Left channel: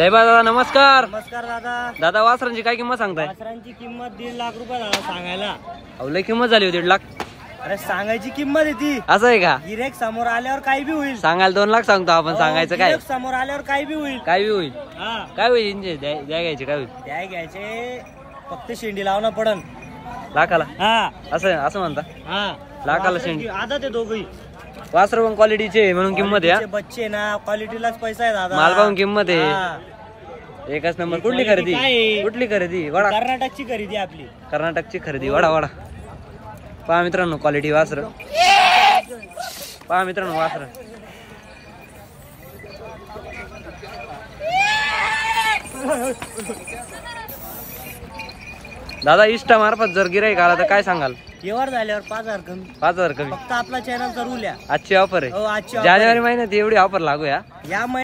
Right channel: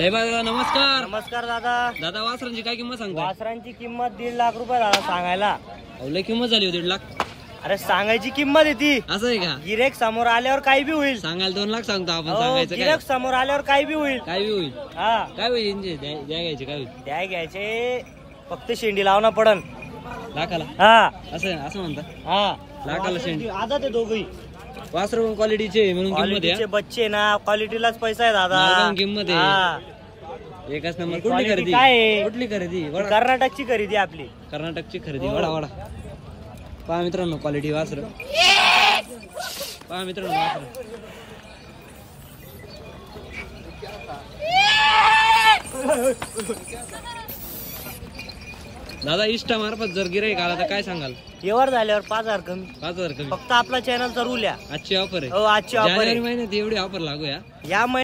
साहेबा दादा नमस्कार. नमस्कार दादा. दादा वासरांची काय किंमत सांगताय? वासरांची किंमत 1.5 लाख रुपये दादा सांगायला. लय किंमत झाली होती 1.5 लाख. अरे सांगायची किंमत आहे ती. असं आहे का? गिरेक समोर आल्यावर काही बी होईल. सांगायला 2 लाख सांगतो आपण. सांगायचं काय? गिरेक समोर आल्यावर काही बी होईल. काय बी होईल. हा काय होईल इंजे द्या घ्यायचे काय होईल? द्या घ्यायचे फक्त शेंडी लावणं पडन लाखाला. हा असं म्हणता. हा लाखाला शेंडी. आधा ते दोघही वासर पण क्वालिटीचे म्हणून किंमत आहे. बच्चे ना क्वालिटीलाच पैसा आहे दादा. माल पाहून किंमत आहे. हा. एकच नंबर. कुठली Quality खरेदी? काय आहे? कुठली खरेदी? वडा. कर्नाटकची खरेदी आपली. कर्नाटकची खरेदी. वडा वडा. पहा मित्रांनो क्वालिटी वासर. पहा मित्रांनो वासर. दादा इष्टा मार्फत जर गिराईक आला तर काय सांगाल? व्यवहार झाल्यावर 5,000 कमी. 5,000 कमी. फक्त आपला चॅनलचा रूल आहे. आजची ऑफर आहे. हो आजची offer आहे. जानेवारी महिन्यात एवढी ऑफर लागू या. या